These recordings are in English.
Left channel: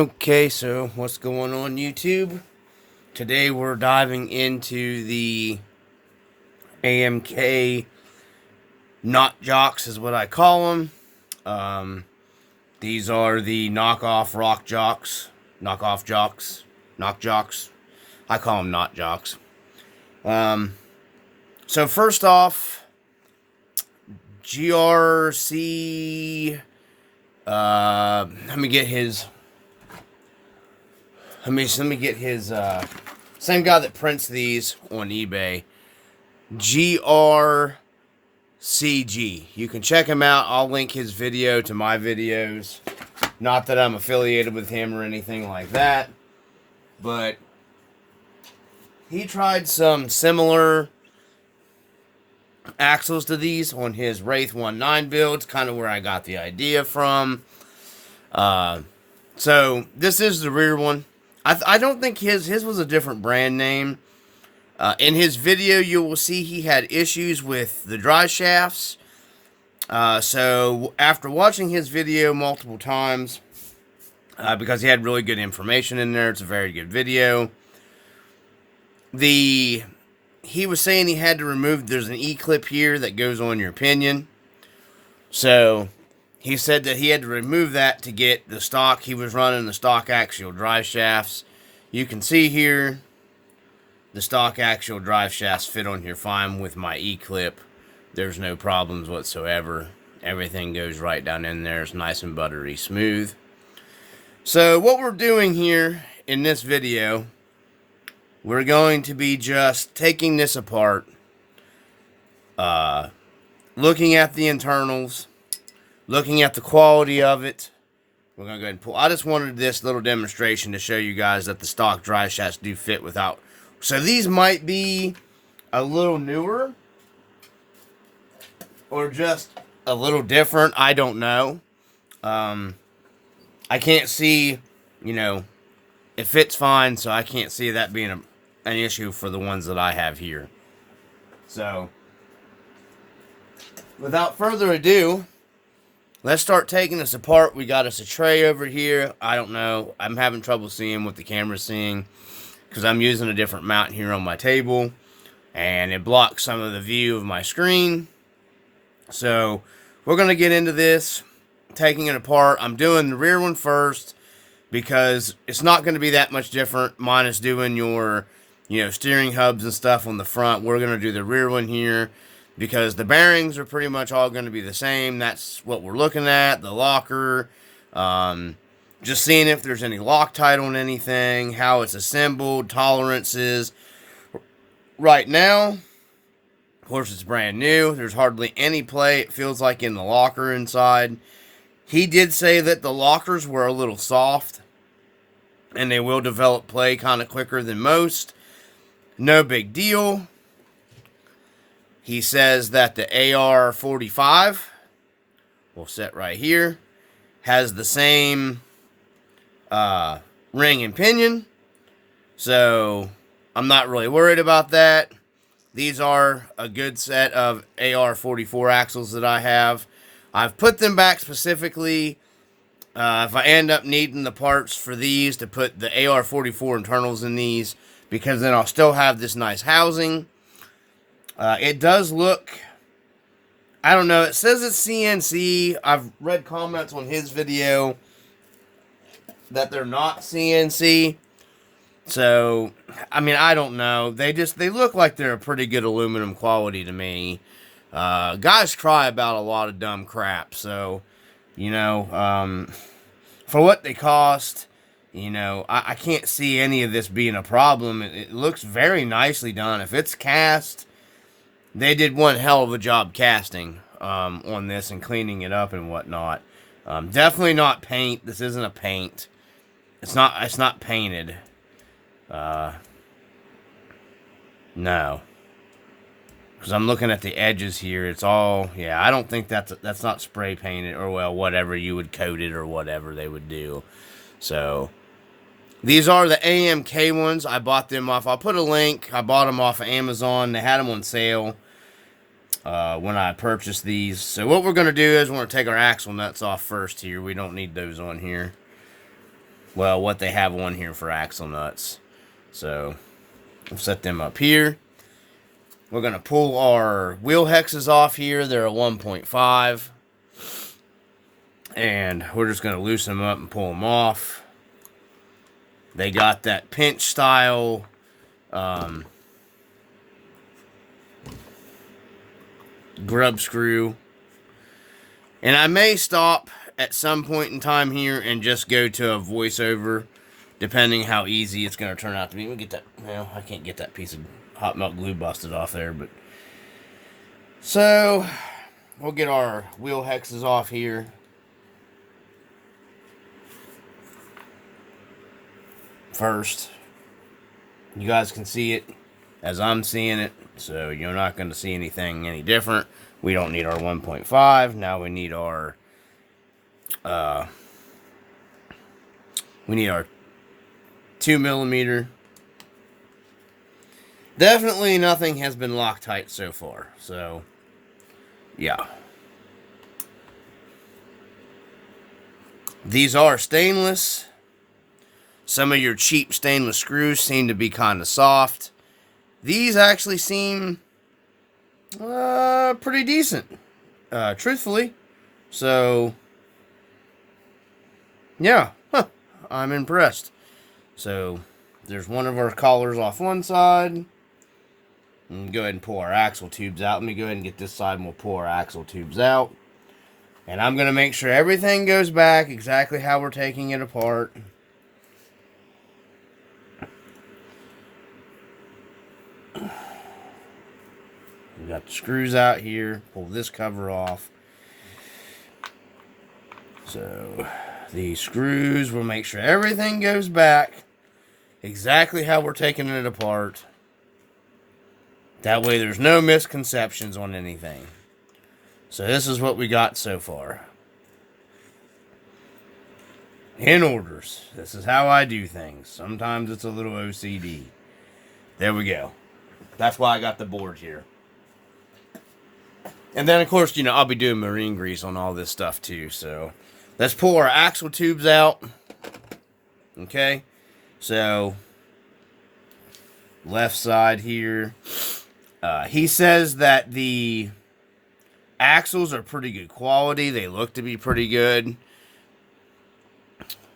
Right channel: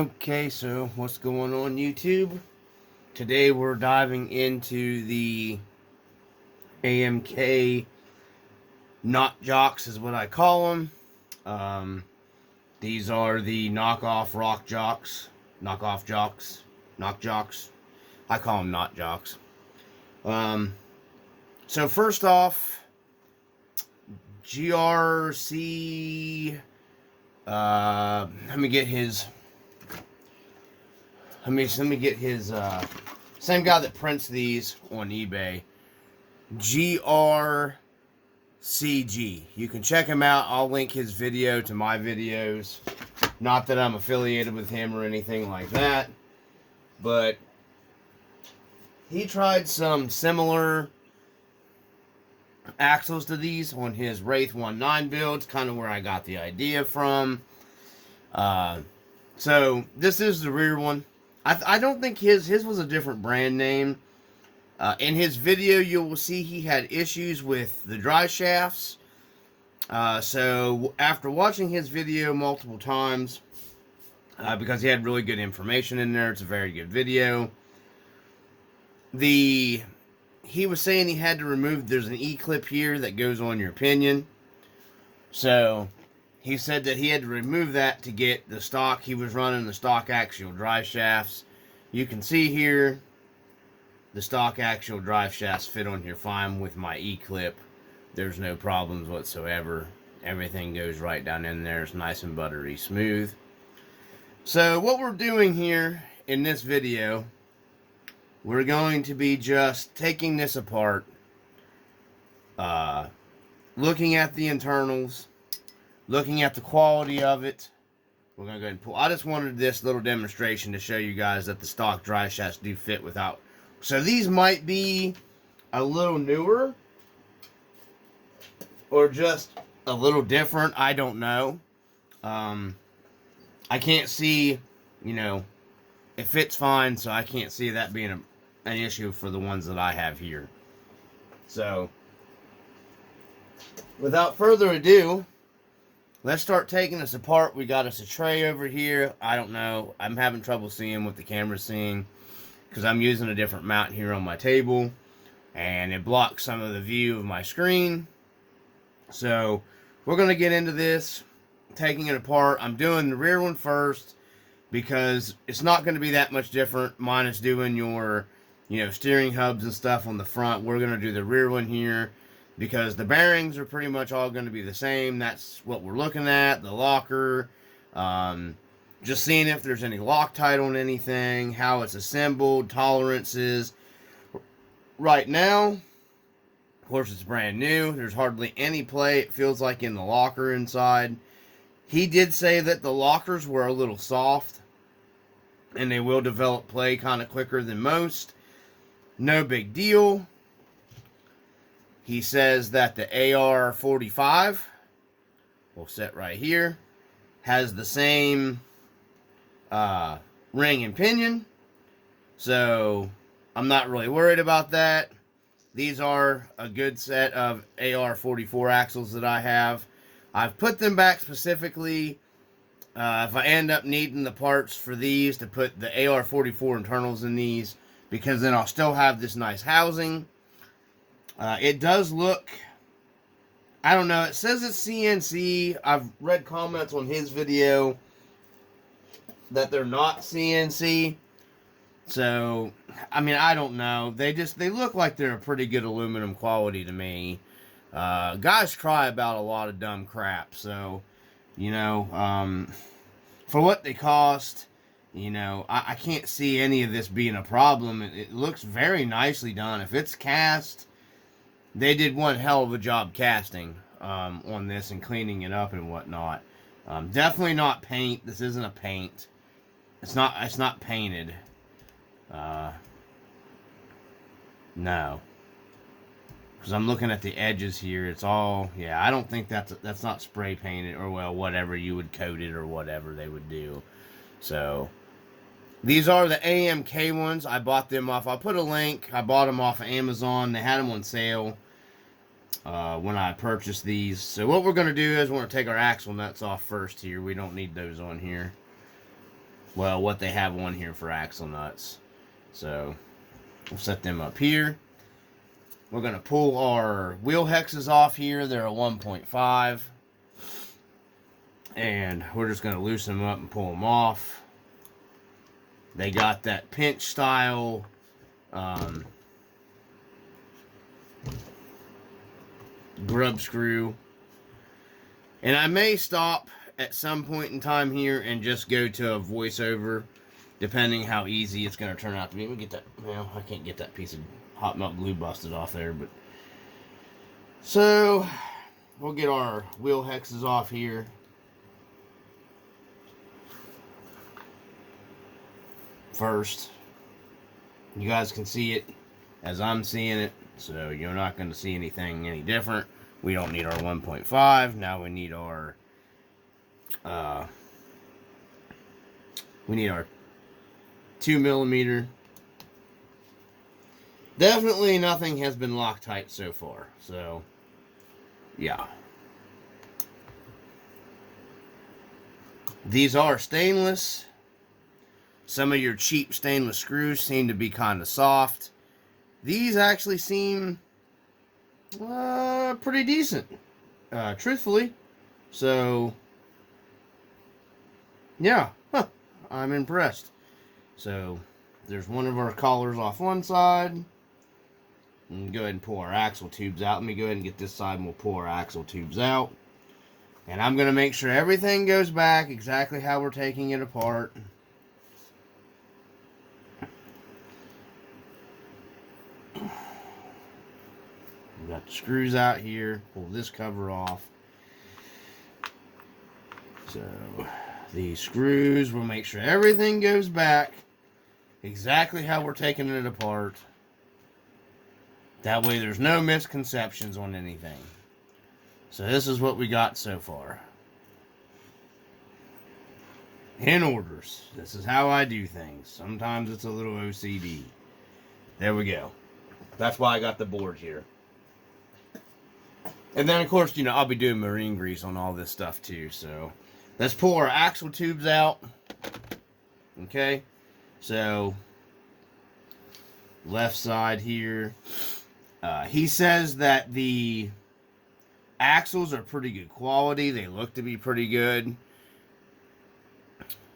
Okay, so what's going on YouTube? Today we're diving into the AMK Not Jocks is what I call them. Um, these are the knockoff rock jocks, knockoff jocks, knock jocks. I call them not jocks. Um, so first off, GRC. Let me get his. Let me get his. Same guy that prints these on eBay. GRCG. You can check him out. I'll link his video to my videos. Not that I'm affiliated with him or anything like that. But he tried some similar axles to these on his Wraith 19 builds. Kind of where I got the idea from. So this is the rear one. I don't think his was a different brand name. In his video, you will see he had issues with the drive shafts. So after watching his video multiple times, because he had really good information in there, it's a very good video. He was saying he had to remove, there's an E-clip here that goes on your pinion. So he said that he had to remove that to get the stock. He was running the stock axial drive shafts. You can see here, the stock axial drive shafts fit on here fine with my E-clip. There's no problems whatsoever. Everything goes right down in there. It's nice and buttery smooth. So what we're doing here in this video, we're going to be just taking this apart, looking at the internals, looking at the quality of it. We're going to go ahead and pull. I just wanted this little demonstration to show you guys that the stock drive shafts do fit without. So these might be a little newer or just a little different. I don't know. I can't see, it fits fine, so I can't see that being an issue for the ones that I have here. So, without further ado, let's start taking this apart. We got us a tray over here. I don't know. I'm having trouble seeing what the camera's seeing because I'm using a different mount here on my table, and it blocks some of the view of my screen. So, we're going to get into this, taking it apart. I'm doing the rear one first because it's not going to be that much different, minus doing your, steering hubs and stuff on the front. We're going to do the rear one here because the bearings are pretty much all going to be the same. That's what we're looking at, the locker, just seeing if there's any Loctite on anything, how it's assembled, tolerances. Right now, of course, it's brand new. There's hardly any play, it feels like, in the locker inside. He did say that the lockers were a little soft, and they will develop play kind of quicker than most. No big deal. He says that the AR-45, we'll set right here, has the same ring and pinion. So I'm not really worried about that. These are a good set of AR-44 axles that I have. I've put them back specifically if I end up needing the parts for these to put the AR-44 internals in these, because then I'll still have this nice housing. It does look, I don't know, it says it's CNC. I've read comments on his video that they're not CNC. So, I don't know. They look like they're a pretty good aluminum quality to me. Guys cry about a lot of dumb crap. So, for what they cost, I can't see any of this being a problem. It looks very nicely done. If it's cast, they did one hell of a job casting on this and cleaning it up and whatnot. Definitely not paint. This isn't a paint. It's not painted. No. Because I'm looking at the edges here. It's all, I don't think that's not spray painted, or, well, whatever you would coat it or whatever they would do. So, these are the AMK ones. I bought them off, I'll put a link. I bought them off of Amazon. They had them on sale when I purchased these. So what we're going to do is we're going to take our axle nuts off first here. We don't need those on here. well, what they have on here for axle nuts. So we'll set them up here. We're going to pull our wheel hexes off here. They're a 1.5. And we're just going to loosen them up and pull them off. They got that pinch style grub screw. And I may stop at some point in time here and just go to a voiceover, depending how easy it's going to turn out to be. Let me get that. Well, I can't get that piece of hot melt glue busted off there, but so we'll get our wheel hexes off here. First, you guys can see it as I'm seeing it, so you're not going to see anything any different. We don't need our 1.5. Now we need our 2mm. Definitely nothing has been Loctite so far, so yeah. These are stainless. Some of your cheap stainless screws seem to be kind of soft. These actually seem pretty decent, truthfully. So, yeah, I'm impressed. So, there's one of our collars off one side. And go ahead and pull our axle tubes out. Let me go ahead and get this side and we'll pull our axle tubes out. And I'm going to make sure everything goes back exactly how we're taking it apart. We got the screws out here. Pull this cover off. So these screws will make sure everything goes back exactly how we're taking it apart. That way there's no misconceptions on anything. So this is what we got so far. In orders. This is how I do things. Sometimes it's a little OCD. There we go. That's why I got the board here. And then, of course, you know, I'll be doing marine grease on all this stuff, too. So, let's pull our axle tubes out. Okay. So, left side here. He says that the axles are pretty good quality. They look to be pretty good.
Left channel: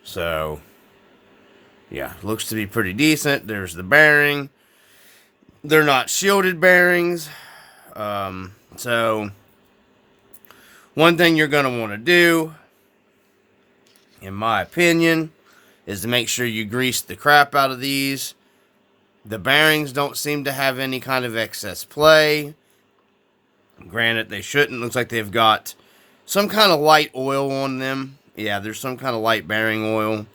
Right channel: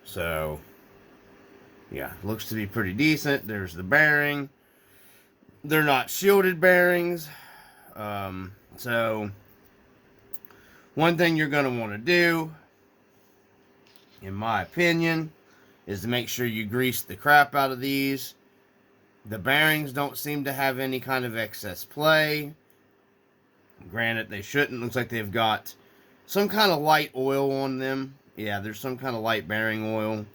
So, yeah, looks to be pretty decent. There's the bearing. They're not shielded bearings. So, one thing you're going to want to do, in my opinion, is to make sure you grease the crap out of these. The bearings don't seem to have any kind of excess play. Granted, they shouldn't. Looks like they've got some kind of light oil on them. Yeah, there's some kind of light bearing oil.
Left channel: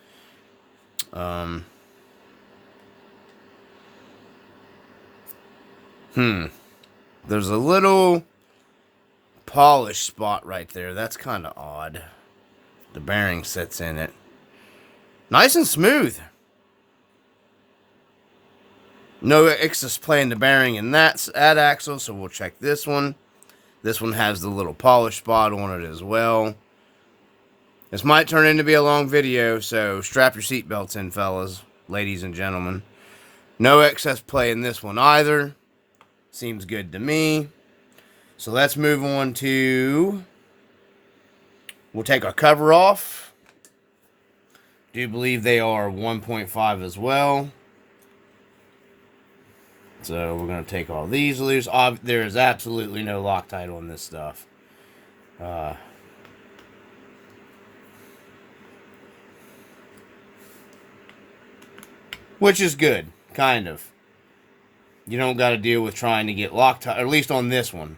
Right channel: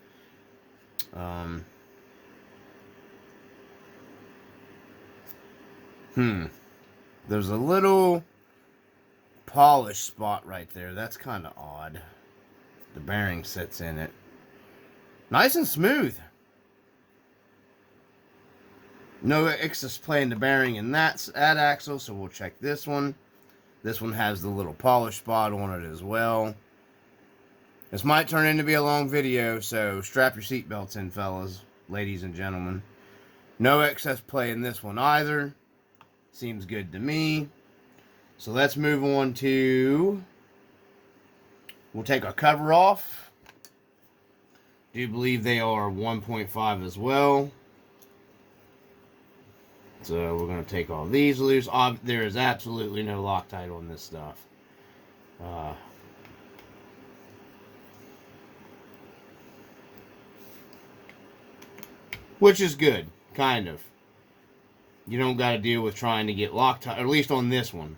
There's a little polish spot right there. That's kind of odd. The bearing sits in it. Nice and smooth. No excess play in the bearing in that axle, so we'll check this one. This one has the little polish spot on it as well. This might turn into be a long video, so strap your seatbelts in, fellas, ladies and gentlemen. No excess play in this one either. Seems good to me. So let's move on to... We'll take our cover off. Do believe they are 1.5 as well. So we're going to take all these loose. There is absolutely no Loctite on this stuff. Which is good, kind of. You don't got to deal with trying to get Loctite, or at least on this one.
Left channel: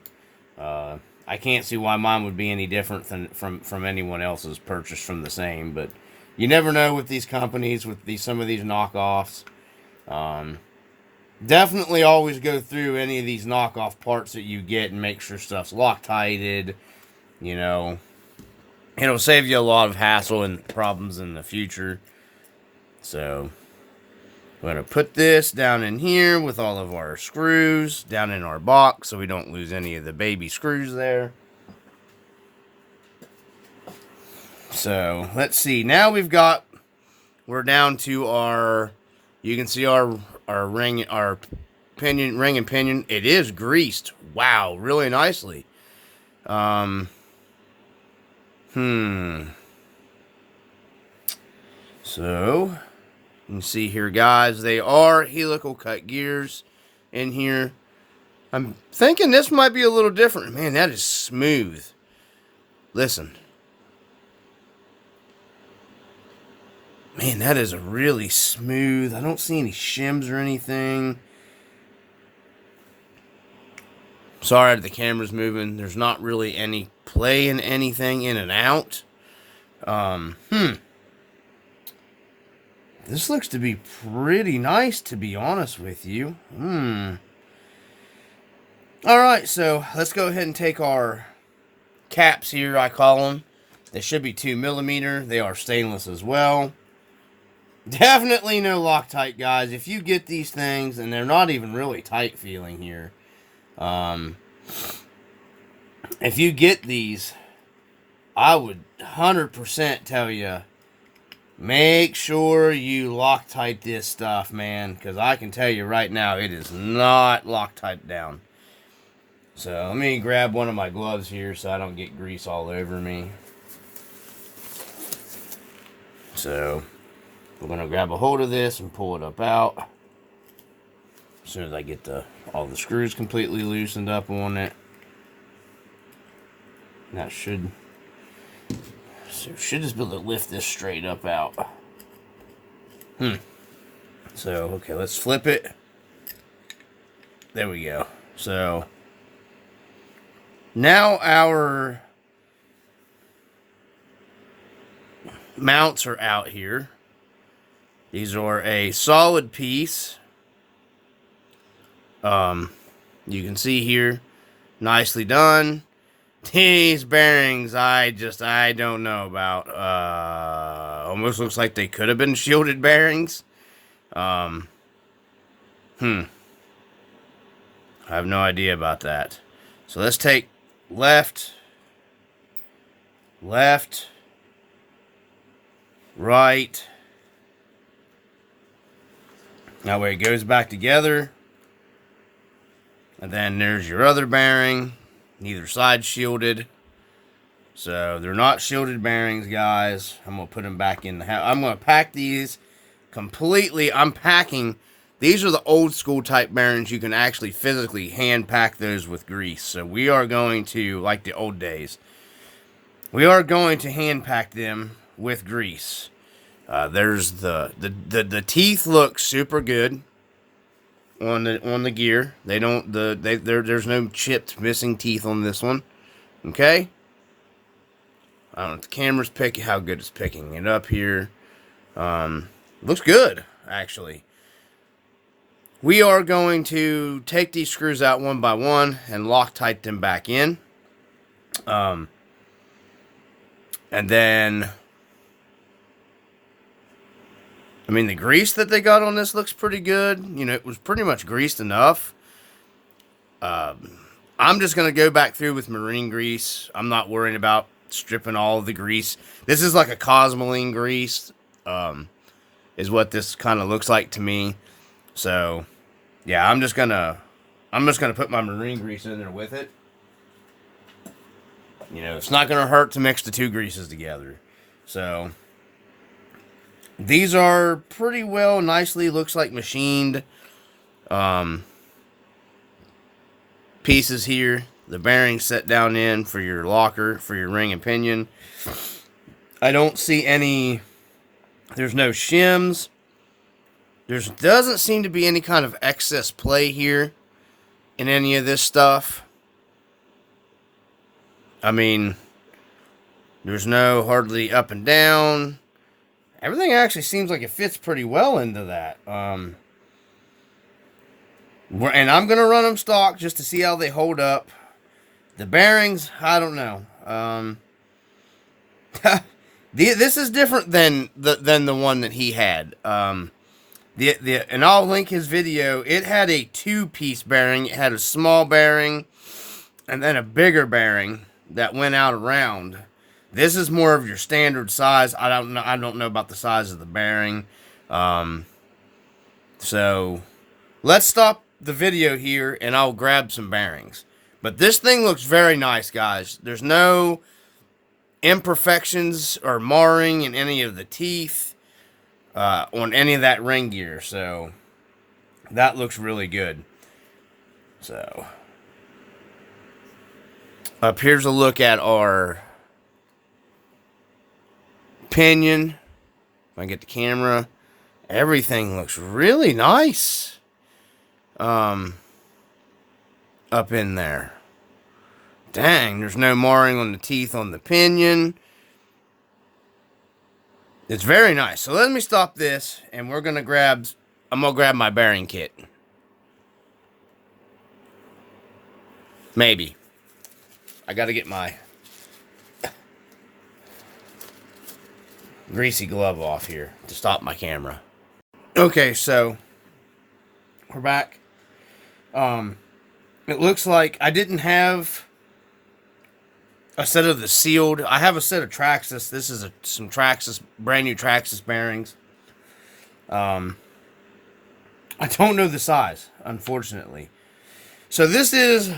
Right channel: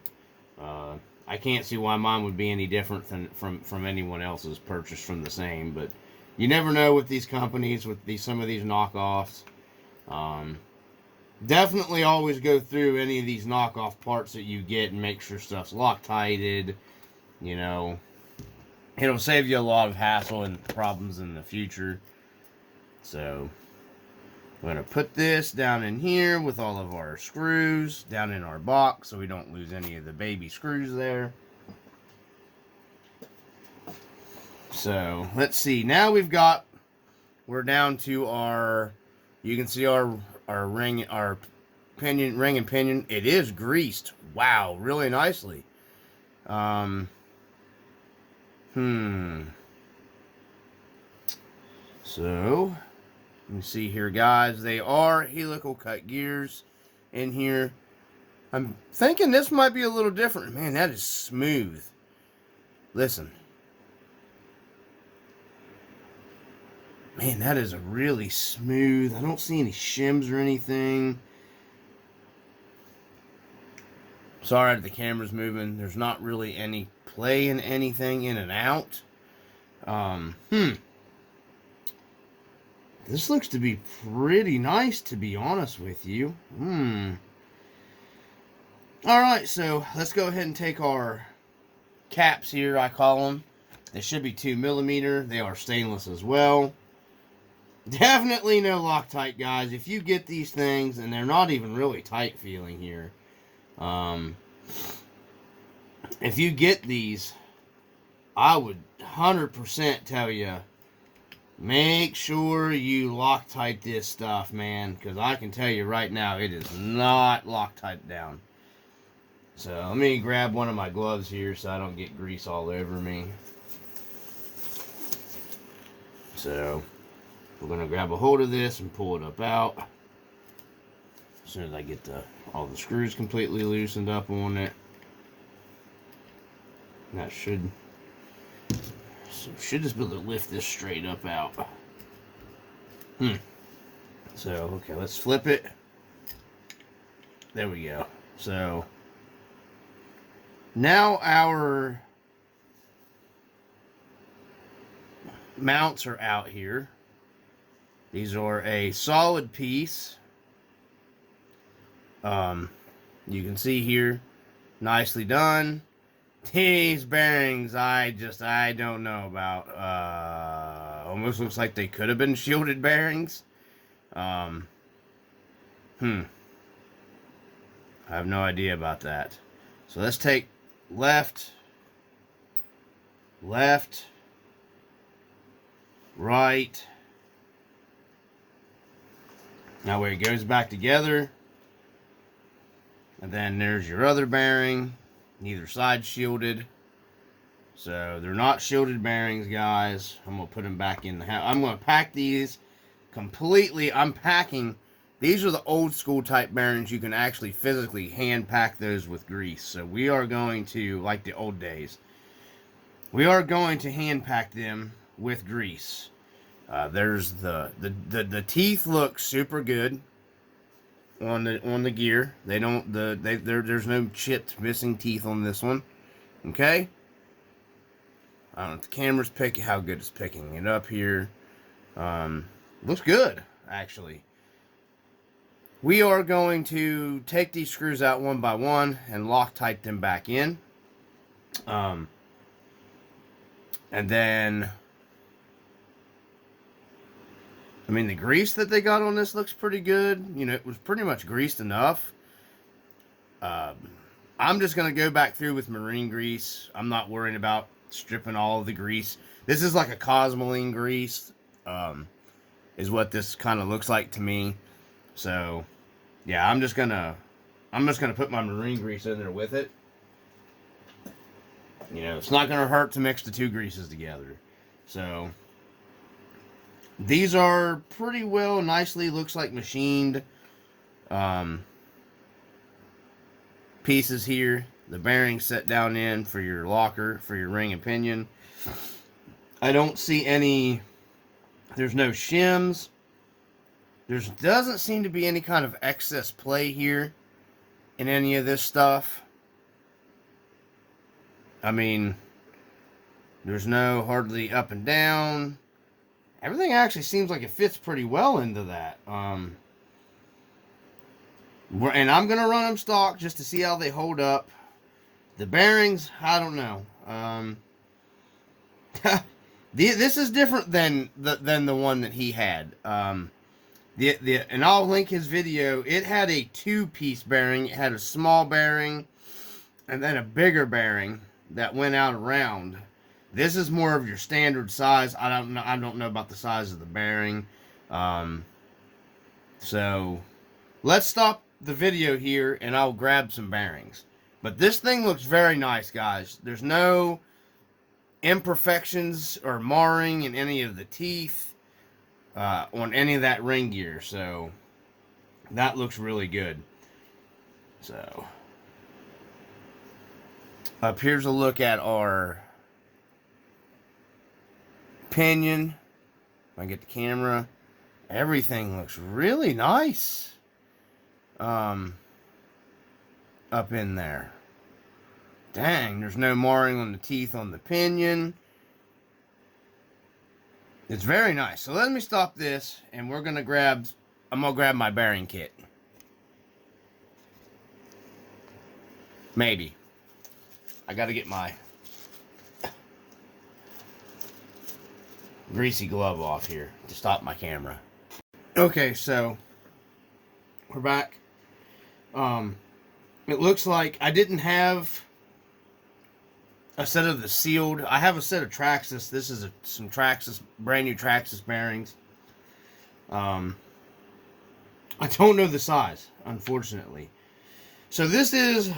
I can't see why mine would be any different than from anyone else's purchased from the same, but you never know with these companies, with some of these knockoffs. Definitely always go through any of these knockoff parts that you get and make sure stuff's Loctited. You know, it'll save you a lot of hassle and problems in the future. So, we're going to put this down in here with all of our screws down in our box so we don't lose any of the baby screws there. So, let's see. Now we've got we're down to our, you can see our ring, our pinion, ring and pinion. It is greased. Wow, really nicely. Um, So, you can see here, guys, they are helical cut gears in here. I'm thinking this might be a little different. Man, that is smooth. Listen. Man, that is a really smooth. I don't see any shims or anything. Sorry that the camera's moving. There's not really any play in anything in and out. This looks to be pretty nice, to be honest with you. Alright, so let's go ahead and take our caps here, I call them. They should be 2mm. They are stainless as well. Definitely no Loctite, guys. If you get these things, and they're not even really tight feeling here. If you get these, I would 100% tell you, make sure you Loctite this stuff, man. Because I can tell you right now, it is not Loctite down. So let me grab one of my gloves here so I don't get grease all over me. So we're going to grab a hold of this and pull it up out. As soon as I get all the screws completely loosened up on it. And that should just be able to lift this straight up out. So, okay, let's flip it. There we go. So, now our mounts are out here. These are a solid piece. You can see here, nicely done. These bearings, I don't know about. Almost looks like they could have been shielded bearings. I have no idea about that. So let's take left, right. That way it goes back together. And then there's your other bearing. Neither side shielded. So they're not shielded bearings, guys. I'm going to put them back in the house. I'm going to pack these completely. I'm packing. These are the old school type bearings. You can actually physically hand pack those with grease. So we are going to, like the old days, we are going to hand pack them with grease. There's the teeth look super good on the gear. They don't there's no chipped missing teeth on this one. Okay? I don't know if the camera's picking how good it's picking it up here. Looks good, actually. We are going to take these screws out one by one and Loctite them back in. And then, I mean, the grease that they got on this looks pretty good. You know, it was pretty much greased enough. I'm just going to go back through with marine grease. I'm not worrying about stripping all of the grease. This is like a Cosmoline grease, is what this kind of looks like to me. So, yeah, I'm just gonna put my marine grease in there with it. You know, it's not gonna hurt to mix the two greases together. So, these are pretty well, nicely, looks like machined pieces here. The bearings set down in for your locker, for your ring and pinion. I don't see any, there's no shims. There doesn't seem to be any kind of excess play here in any of this stuff. I mean, there's no hardly up and down. Everything actually seems like it fits pretty well into that. And I'm going to run them stock just to see how they hold up. The bearings, I don't know. This is different than the one that he had. And I'll link his video. It had a 2-piece bearing. It had a small bearing and then a bigger bearing that went out around. This is more of your standard size. I don't know about the size of the bearing. So let's stop the video here and I'll grab some bearings. But this thing looks very nice, guys. There's no imperfections or marring in any of the teeth on any of that ring gear. So that looks really good. So up here's a look at our pinion. If I get the camera, everything looks really nice. Up in there. Dang, there's no marring on the teeth on the pinion. It's very nice. So let me stop this and I'm gonna grab my bearing kit. Maybe. I gotta get my greasy glove off here to stop my camera. Okay, so we're back. It looks like I didn't have a set of the sealed. I have a set of Traxxas. This is some Traxxas, brand new Traxxas bearings. I don't know the size, unfortunately. So this is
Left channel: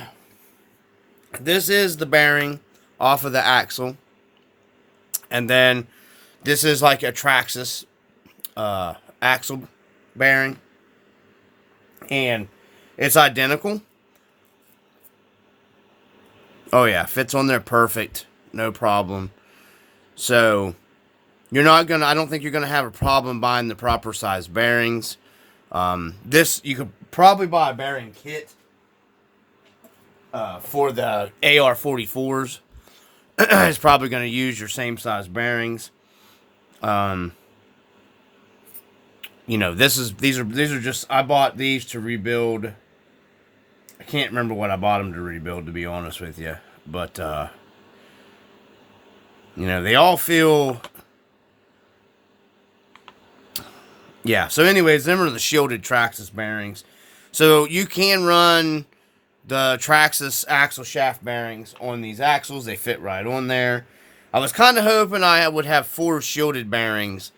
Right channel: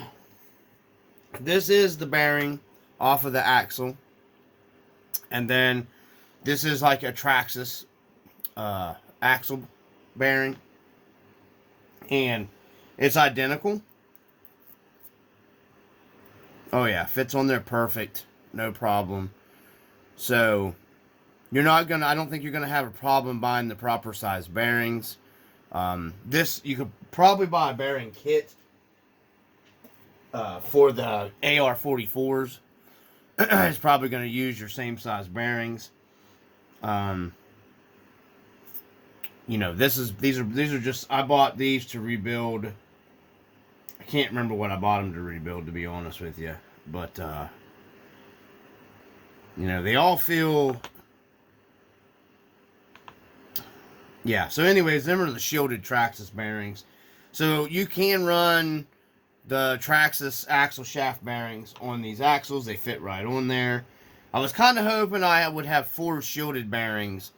the bearing off of the axle, and then this is like a Traxxas axle bearing, and it's identical. Oh yeah, fits on there perfect, no problem. So you're not gonna, I don't think you're gonna have a problem buying the proper size bearings. This, you could probably buy a bearing kit for the AR-44s. It's probably gonna use your same size bearings. You know, these are just, I bought these to rebuild. I can't remember what I bought them to rebuild, to be honest with you. But, you know, they all feel... Yeah, so anyways, them are the shielded Traxxas bearings. So you can run the Traxxas axle shaft bearings on these axles. They fit right on there. I was kind of hoping I would have 4 shielded bearings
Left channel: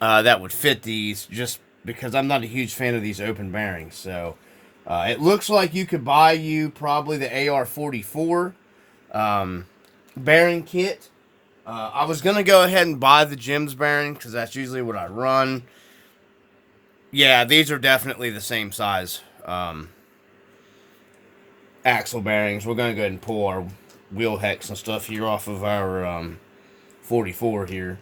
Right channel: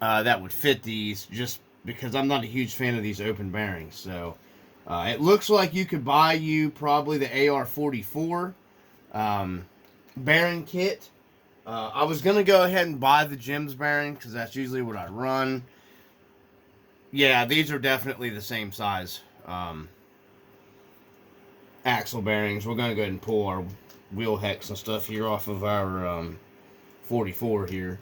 that would fit these, just because I'm not a huge fan of these open bearings. So... it looks like you could buy probably the AR-44 bearing kit. I was going to go ahead and buy the Jim's bearing because that's usually what I run. Yeah, these are definitely the same size axle bearings. We're going to go ahead and pull our wheel hex and stuff here off of our 44 here.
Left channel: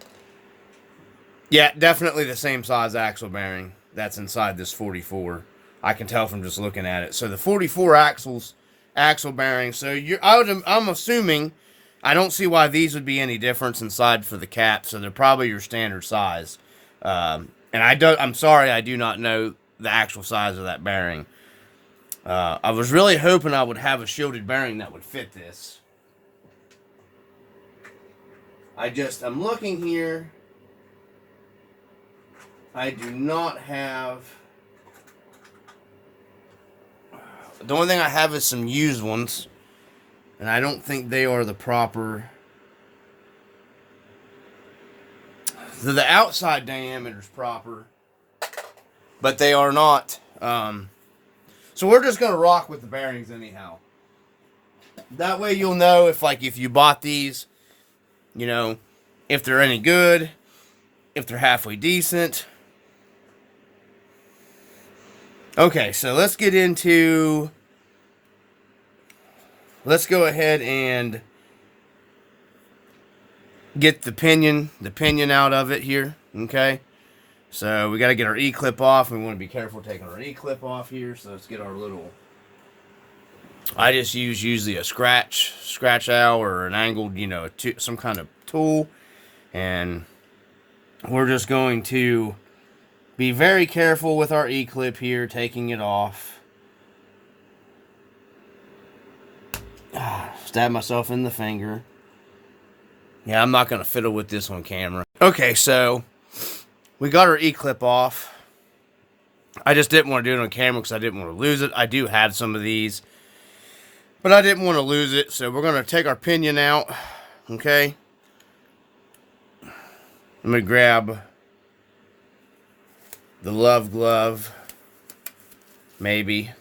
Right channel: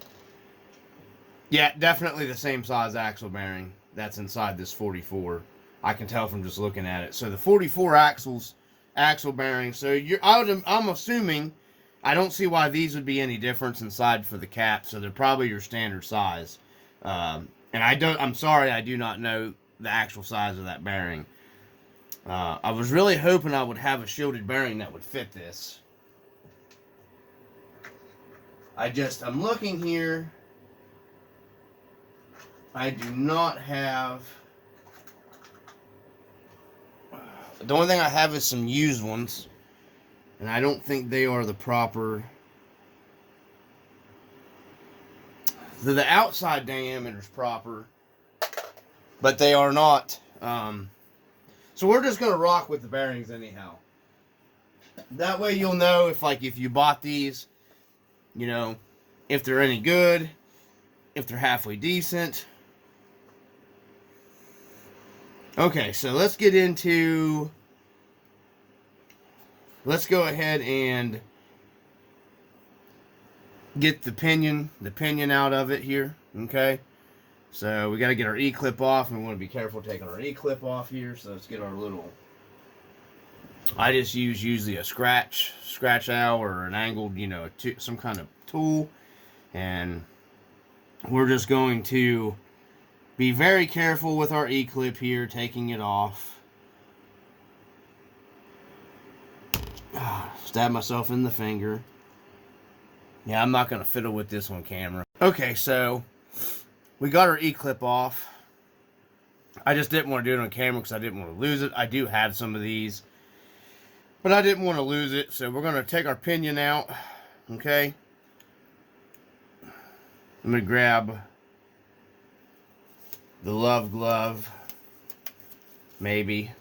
Yeah, definitely the same size axle bearing that's inside this 44. I can tell from just looking at it. So the 44 axle bearings. So I'm assuming, I don't see why these would be any difference inside for the cap. So they're probably your standard size. And I'm sorry, I do not know the actual size of that bearing. I was really hoping I would have a shielded bearing that would fit this. I'm looking here. I do not have... The only thing I have is some used ones, and I don't think they are the proper. The outside diameter is proper, but they are not. So we're just gonna rock with the bearings anyhow. That way you'll know if you bought these, you know, if they're any good, if they're halfway decent. Okay, so let's go ahead and get the pinion out of it here, okay? So we got to get our E-clip off. We want to be careful taking our E-clip off here. So let's get our little, I just use usually a scratch out or an angled, you know, some kind of tool. And we're just going to be very careful with our E-clip here, taking it off. Stab myself in the finger. Yeah, I'm not going to fiddle with this on camera. Okay, so we got our E-clip off. I just didn't want to do it on camera because I didn't want to lose it. I do have some of these, but I didn't want to lose it. So we're going to take our pinion out, okay? I'm going to grab the Love Glove, maybe,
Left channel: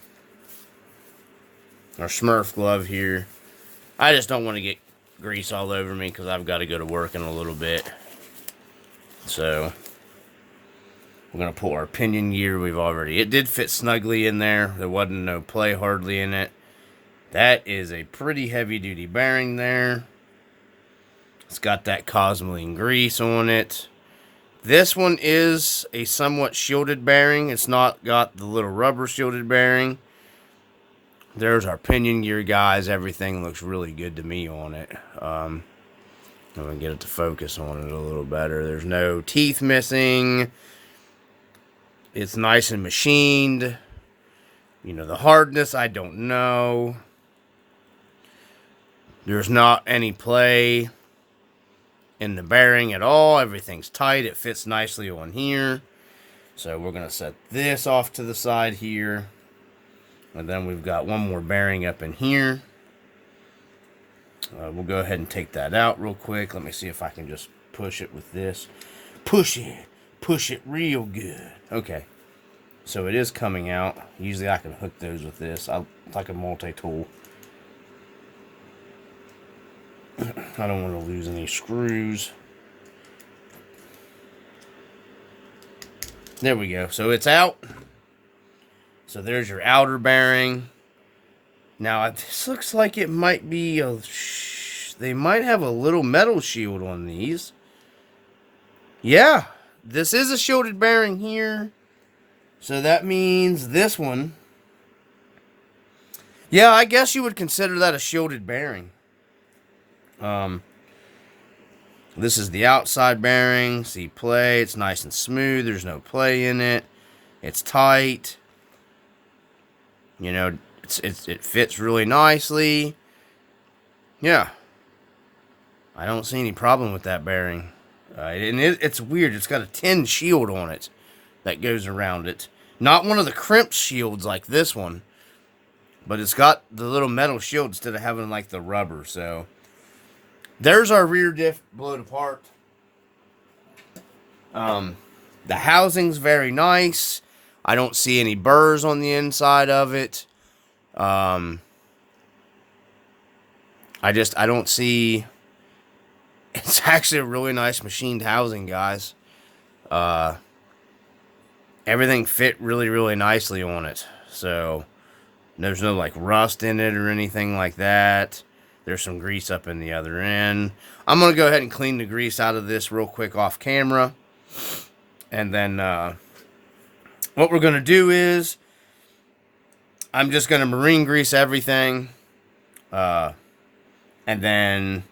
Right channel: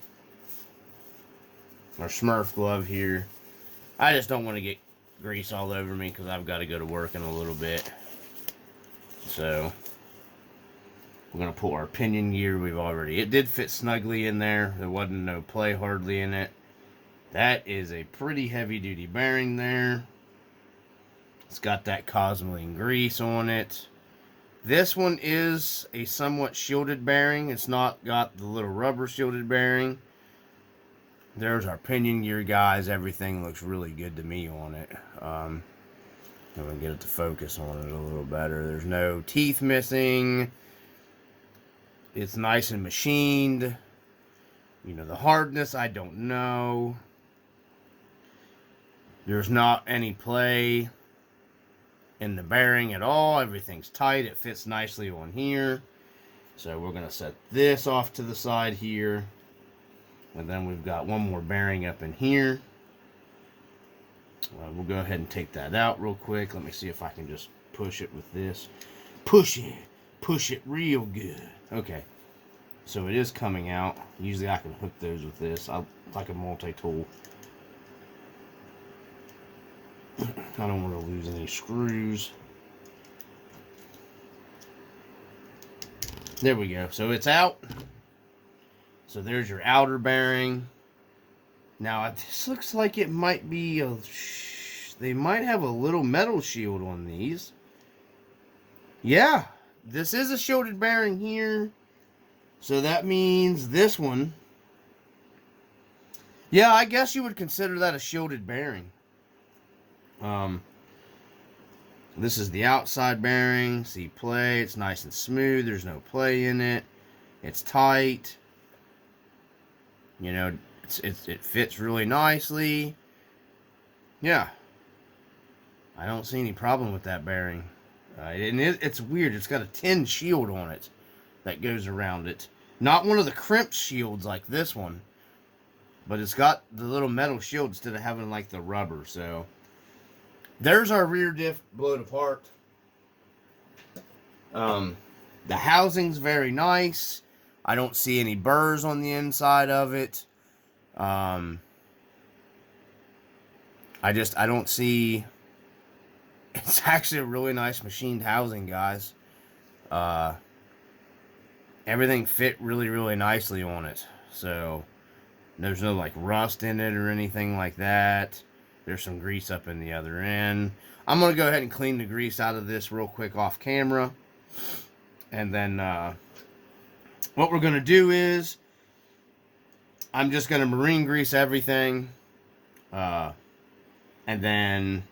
or Smurf Glove here. I just don't want to get grease all over me because I've got to go to work in a little bit. So we're going to pull our pinion gear. It did fit snugly in there. There wasn't no play hardly in it. That is a pretty heavy duty bearing there. It's got that Cosmoline grease on it. This one is a somewhat shielded bearing. It's not got the little rubber shielded bearing. There's our pinion gear, guys. Everything looks really good to me on it. I'm going to get it to focus on it a little better. There's no teeth missing. It's nice and machined. You know, the hardness, I don't know. There's not any play in the bearing at all. Everything's tight. It fits nicely on here. So we're going to set this off to the side here. And then we've got one more bearing up in here. We'll go ahead and take that out real quick. Let me see if I can just push it with this. Push it. Push it real good. Okay. So it is coming out. Usually I can hook those with this. It's like a multi-tool. I don't want to lose any screws. There we go. So it's out. So there's your outer bearing. Now, this looks like it might be a... They might have a little metal shield on these. Yeah, this is a shielded bearing here. So that means this one... Yeah, I guess you would consider that a shielded bearing. This is the outside bearing. See play. It's nice and smooth. There's no play in it. It's tight. You know, it fits really nicely. Yeah. I don't see any problem with that bearing. And it's weird. It's got a tin shield on it that goes around it. Not one of the crimped shields like this one. But it's got the little metal shield instead of having like the rubber. So there's our rear diff blowed apart. The housing's very nice. I don't see any burrs on the inside of it. I don't see... It's actually a really nice machined housing, guys. Everything fit really, really nicely on it. So, there's no, like, rust in it or anything like that. There's some grease up in the other end. I'm going to go ahead and clean the grease out of this real quick off camera. And then, what we're going to do is, I'm just going to marine grease everything. And then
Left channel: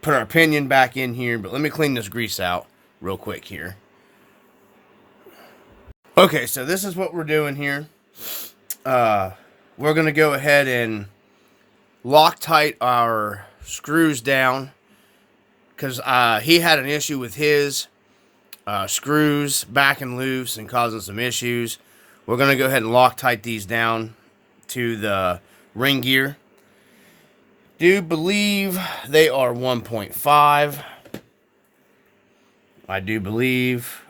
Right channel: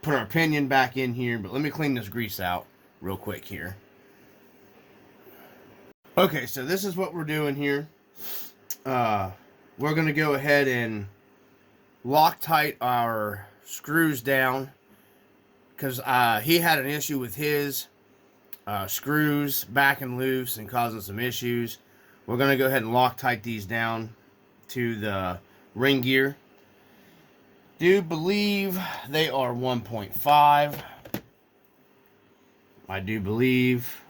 put our pinion back in here. But let me clean this grease out real quick here. Okay, so this is what we're doing here. We're going to go ahead and Loctite our screws down. Because he had an issue with his screws backing loose and causing some issues. We're going to go ahead and Loctite these down to the ring gear. Do believe they are 1.5. I do believe.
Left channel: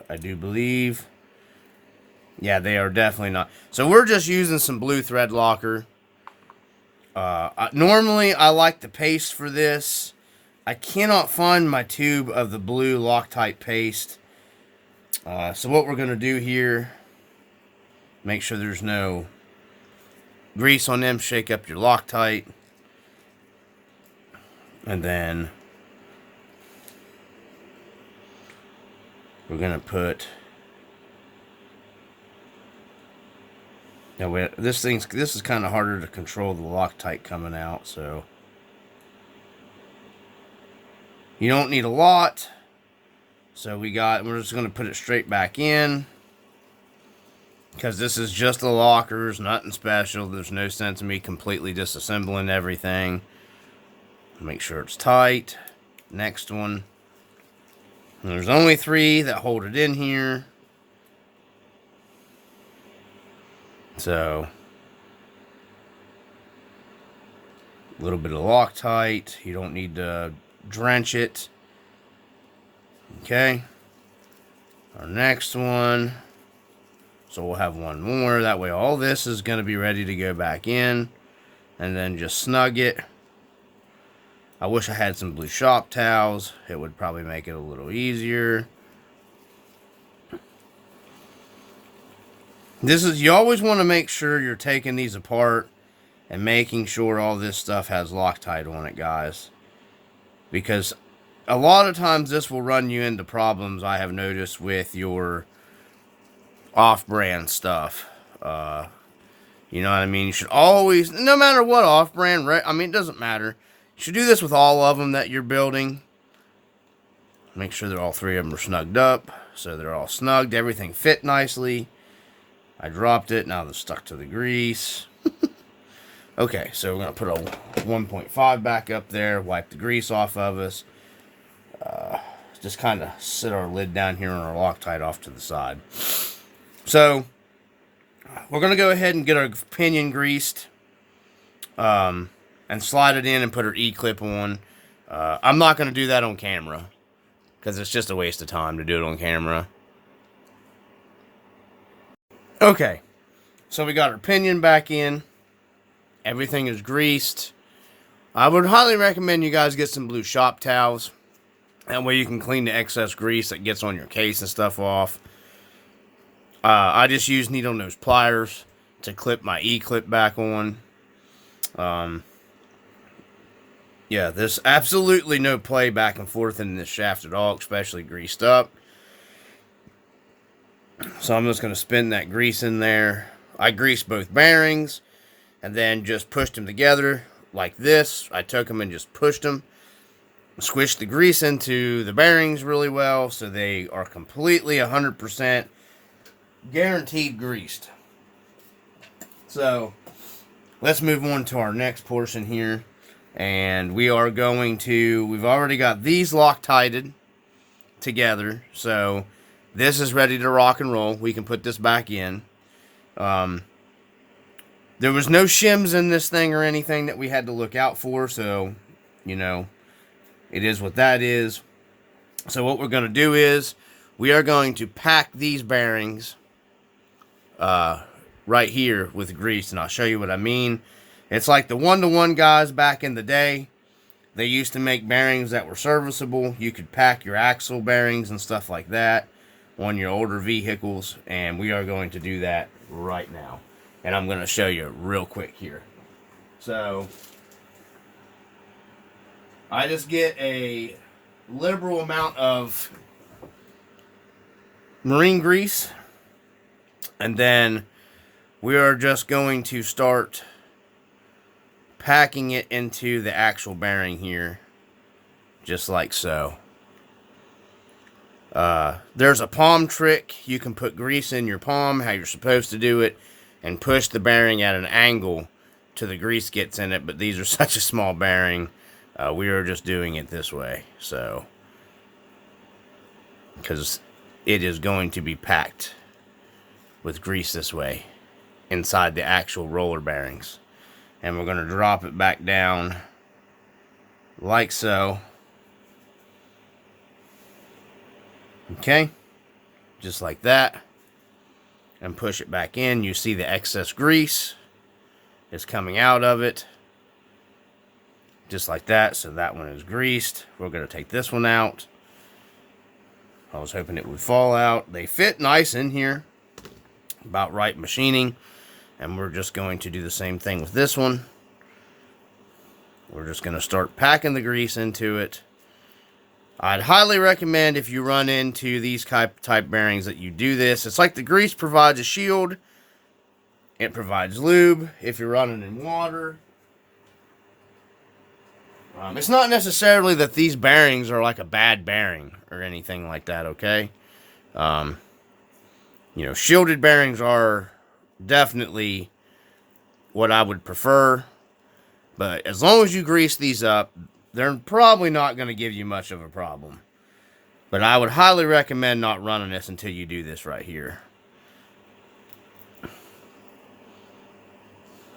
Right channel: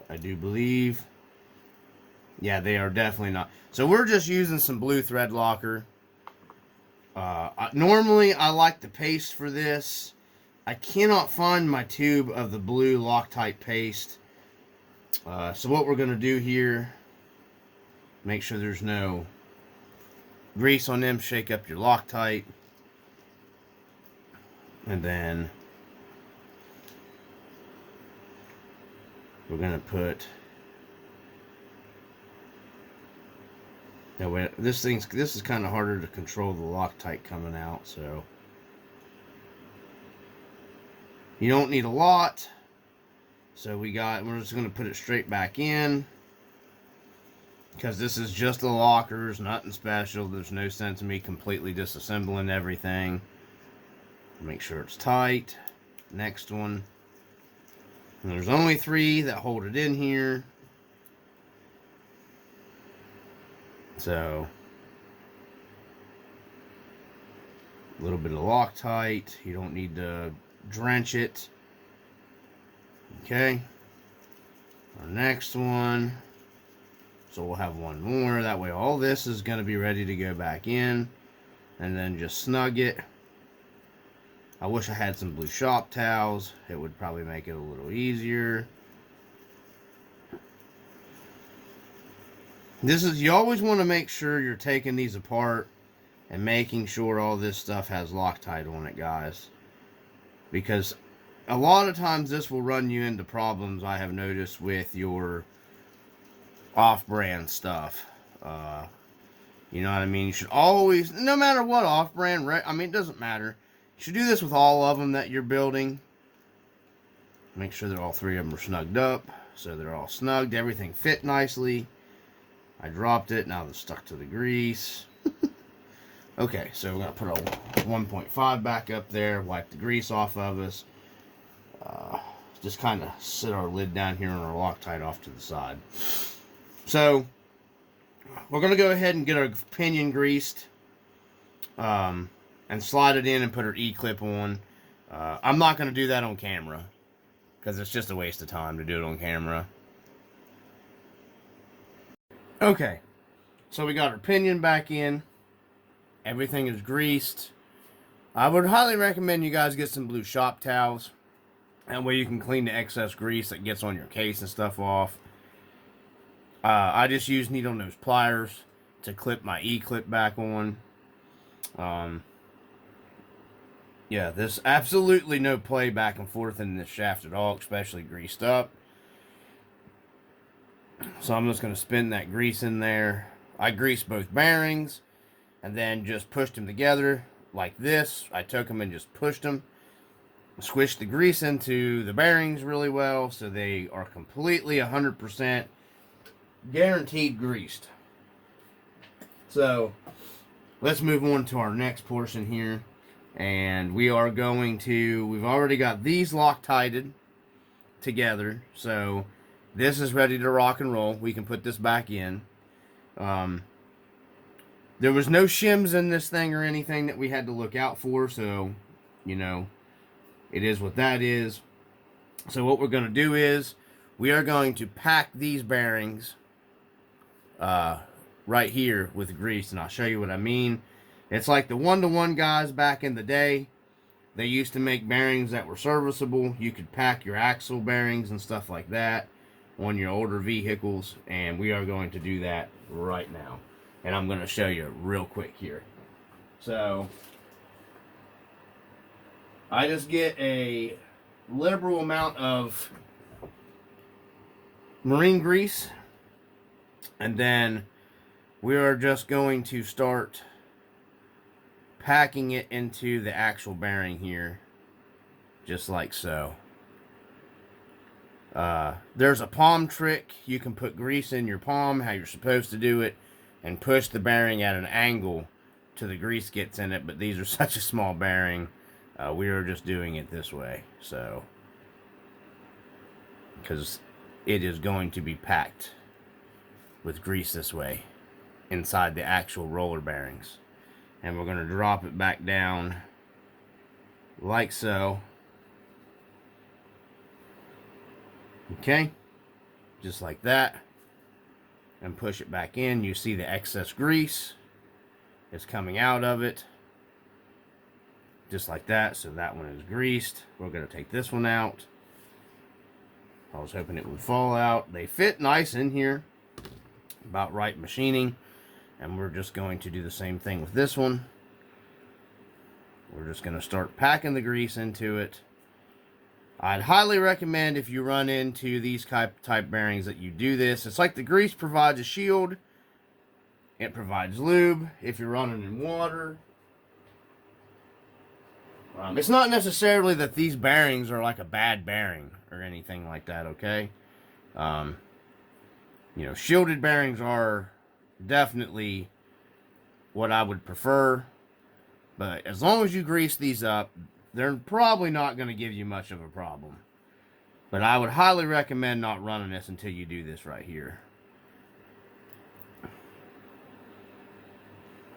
Yeah, they are definitely not. So we're just using some blue thread locker. Normally, I like the paste for this. I cannot find my tube of the blue Loctite paste. So what we're going to do here, make sure there's no grease on them. Shake up your Loctite. And then we're going to put... Now, this is kind of harder to control the Loctite coming out, so... You don't need a lot. So we're just going to put it straight back in. Because this is just the lockers, nothing special. There's no sense in me completely disassembling everything. Make sure it's tight. Next one. And there's only 3 that hold it in here. So, a little bit of Loctite. You don't need to drench it. Okay. Our next one. So we'll have one more. That way all this is going to be ready to go back in. And then just snug it. I wish I had some blue shop towels. It would probably make it a little easier. You always want to make sure you're taking these apart and making sure all this stuff has Loctite on it, guys. Because a lot of times this will run you into problems I have noticed with your off-brand stuff. You know what I mean? You should always, no matter what off-brand, right? I mean, it doesn't matter. You should do this with all of them that you're building. Make sure that all three of them are snugged up. So they're all snugged. Everything fit nicely. I dropped it. Now they're stuck to the grease. Okay, so we're going to put a 1.5 back up there. Wipe the grease off of us. Just kind of sit our lid down here on our Loctite off to the side. So we're going to go ahead and get our pinion greased. And slide it in and put our E-clip on. I'm not going to do that on camera. Because it's just a waste of time to do it on camera. Okay. So we got our pinion back in. Everything is greased. I would highly recommend you guys get some blue shop towels. That way you can clean the excess grease that gets on your case and stuff off. I just use needle nose pliers to clip my E-clip back on. Yeah, there's absolutely no play back and forth in this shaft at all, especially greased up. So I'm just going to spin that grease in there. I greased both bearings and then just pushed them together like this. I took them and just pushed them. Squished the grease into the bearings really well so they are completely 100% guaranteed greased. So let's move on to our next portion here. And we are going to, we've already got these Loctited together. So this is ready to rock and roll. We can put this back in. There was no shims in this thing or anything that we had to look out for. So, you know, it is what that is. So what we're going to do is we are going to pack these bearings right here with grease. And I'll show you what I mean. It's like the one-to-one guys back in the day. They used to make bearings that were serviceable. You could pack your axle bearings and stuff like that on your older vehicles. And we are going to do that right now. And I'm going to show you real quick here. So I just get a liberal amount of marine grease. And then we are just going to start packing it into the actual bearing here, just like so. There's a palm trick. You can put grease in your palm, how you're supposed to do it, and push the bearing at an angle till the grease gets in it, but these are such a small bearing, we are just doing it this way, so, because it is going to be packed with grease this way, inside the actual roller bearings. And we're going to drop it back down like so. Okay. Just like that. And push it back in. You see the excess grease is coming out of it. Just like that. So that one is greased. We're going to take this one out. I was hoping it would fall out. They fit nice in here. About right machining. And we're just going to do the same thing with this one. We're just going to start packing the grease into it. I'd highly recommend if you run into these type bearings that you do this. It's like the grease provides a shield. It provides lube if you're running in water. It's not necessarily that these bearings are like a bad bearing or anything like that, okay? You know, shielded bearings are definitely what I would prefer, but as long as you grease these up, they're probably not going to give you much of a problem. But I would highly recommend not running this until you do this right here.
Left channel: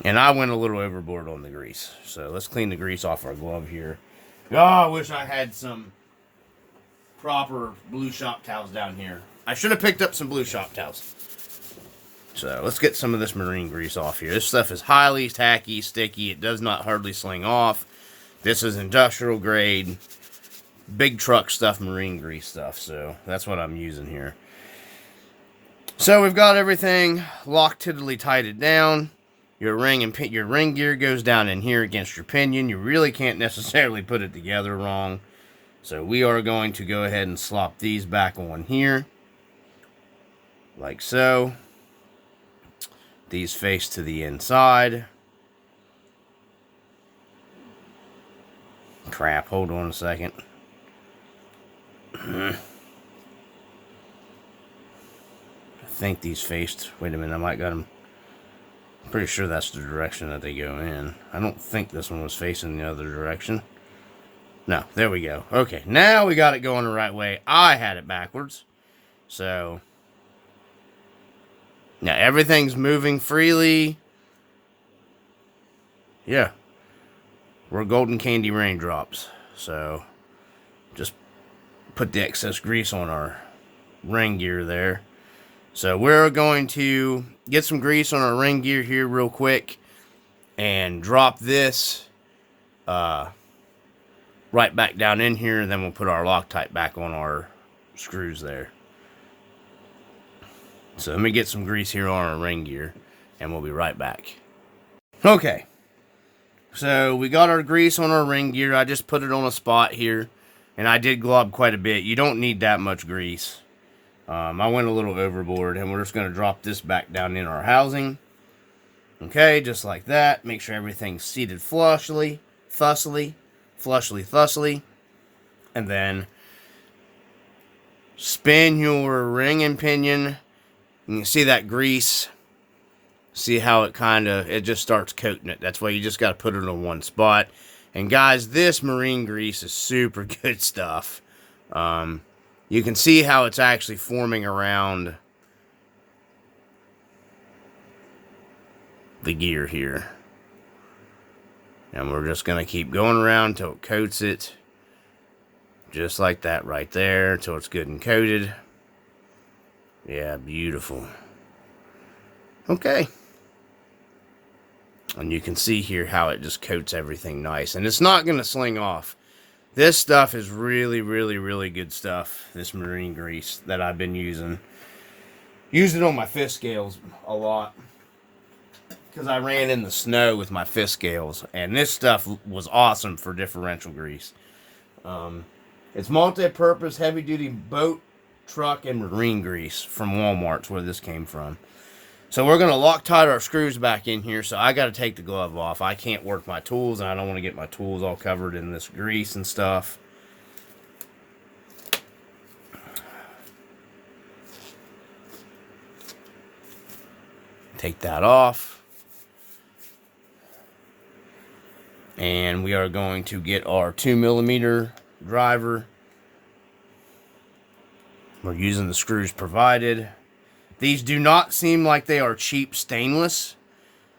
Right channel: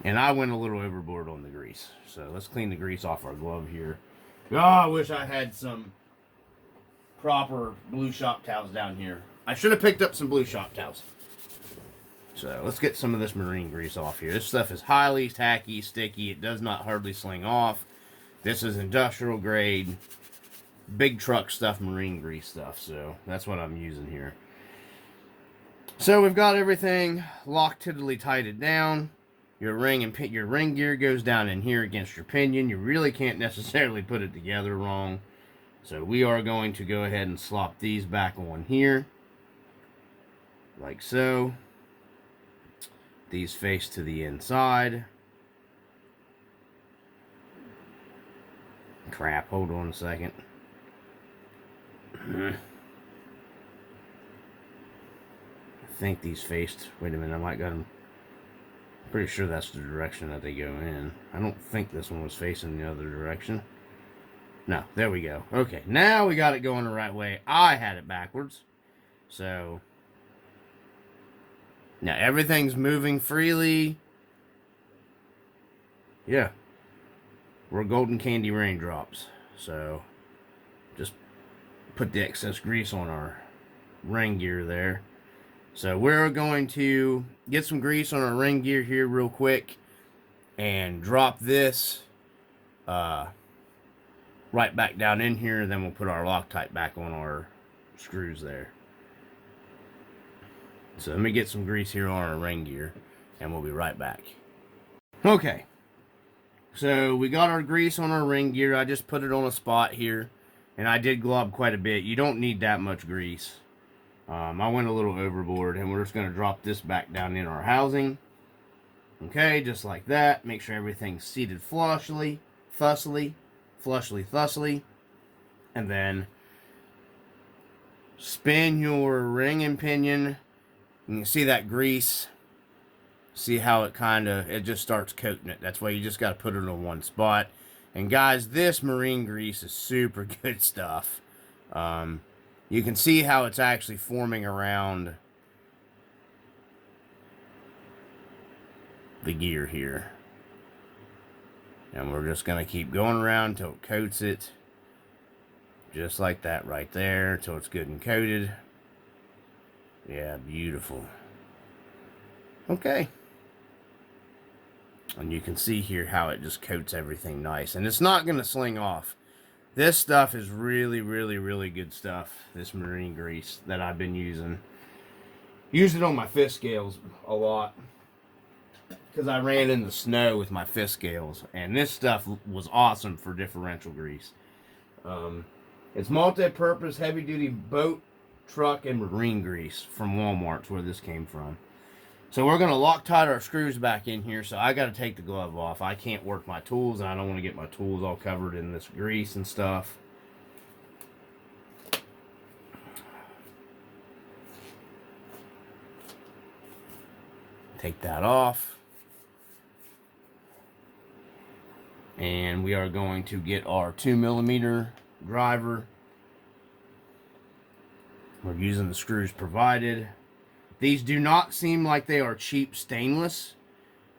And I went a little overboard on the grease, so let's clean the grease off our glove here. Oh, I wish I had some proper blue shop towels down here. I should have picked up some blue shop towels. So let's get some of this marine grease off here. This stuff is highly tacky, sticky. It does not hardly sling off. This is industrial grade, big truck stuff, marine grease stuff. So that's what I'm using here. So we've got everything locked tiddly tighted down. Your ring gear goes down in here against your pinion. You really can't necessarily put it together wrong. So we are going to go ahead and slop these back on here. Like so. These face to the inside. Crap, hold on a second. I think these faced. Wait a minute, I might got them. I'm pretty sure that's the direction that they go in. I don't think this one was facing the other direction. No, there we go. Okay, now we got it going the right way. I had it backwards. So, now everything's moving freely. Yeah. We're golden candy raindrops. So, just put the excess grease on our ring gear there. So we're going to get some grease on our ring gear here real quick and drop this right back down in here, and then we'll put our Loctite back on our screws there. So let me get some grease here on our ring gear, and we'll be right back. Okay, so we got our grease on our ring gear. I just put it on a spot here, and I did glob quite a bit. You don't need that much grease. I went a little overboard, and we're just going to drop this back down in our housing. Okay, just like that. Make sure everything's seated flushly. And then spin your ring and pinion. You can see that grease. See how it just starts coating it. That's why you just got to put it on one spot. And guys, this marine grease is super good stuff. You can see how it's actually forming around the gear here. And we're just going to keep going around until it coats it. Just like that right there, until it's good and coated. Yeah, beautiful. Okay. And you can see here how it just coats everything nice. And it's not going to sling off. This stuff is really, really, really good stuff. This marine grease that I've been using. Use it on my fish scales a lot. Because I ran in the snow with my fish scales. And this stuff was awesome for differential grease. It's multi-purpose, heavy-duty boat, truck, and marine grease from Walmart's where this came from. So we're going to Loctite our screws back in here. So I got to take the glove off. I can't work my tools, and I don't want to get my tools all covered in this grease and stuff. Take that off. And we are going to get our 2mm driver. We're using the screws provided. These do not seem like they are cheap stainless.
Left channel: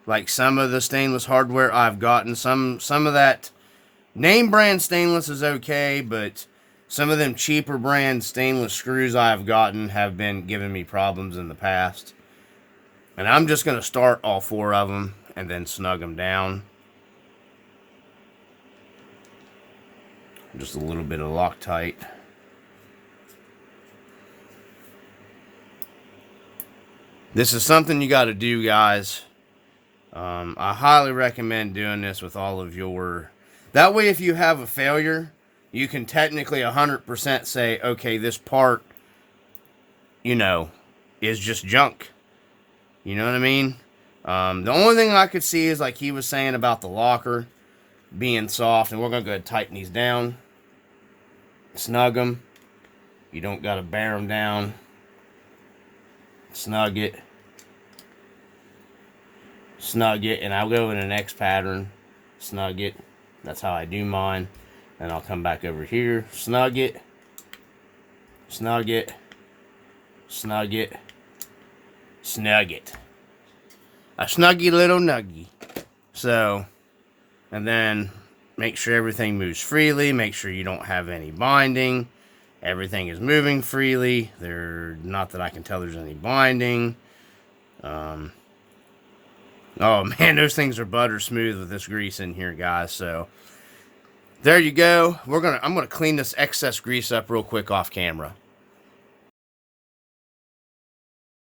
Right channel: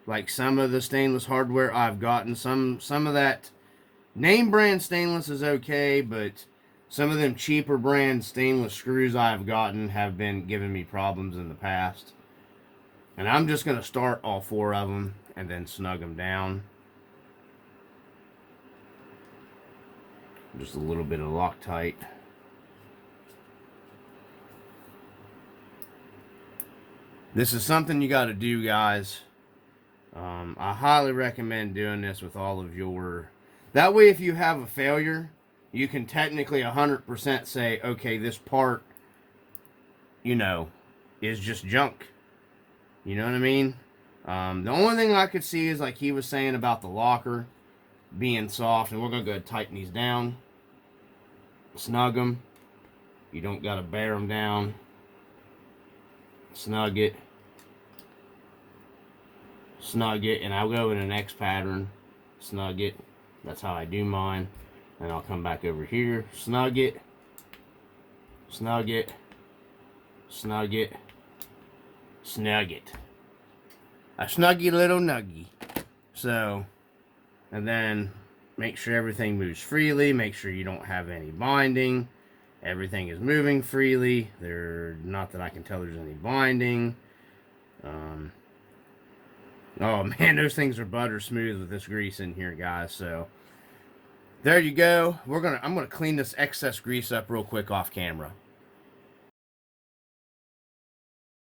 Like some of the stainless hardware I've gotten. Some of that name brand stainless is okay, but some of them cheaper brand stainless screws I've gotten have been giving me problems in the past. And I'm just going to start all 4 of them and then snug them down. Just a little bit of Loctite. This is something you got to do, guys. I highly recommend doing this with all of your... That way, if you have a failure, you can technically 100% say, okay, this part, you know, is just junk. You know what I mean? The only thing I could see is like he was saying about the locker being soft, and we're going to go ahead and tighten these down. Snug them. You don't got to bear them down. Snug it. Snug it. And I'll go in the next pattern. Snug it. That's how I do mine. And I'll come back over here. Snug it. Snug it. Snug it. Snug it. A snuggy little nuggy. So, and then make sure everything moves freely. Make sure you don't have any binding. Everything is moving freely. Not that I can tell there's any binding. Oh man, those things are butter smooth with this grease in here, guys. So there you go. I'm gonna clean this excess grease up real quick off camera.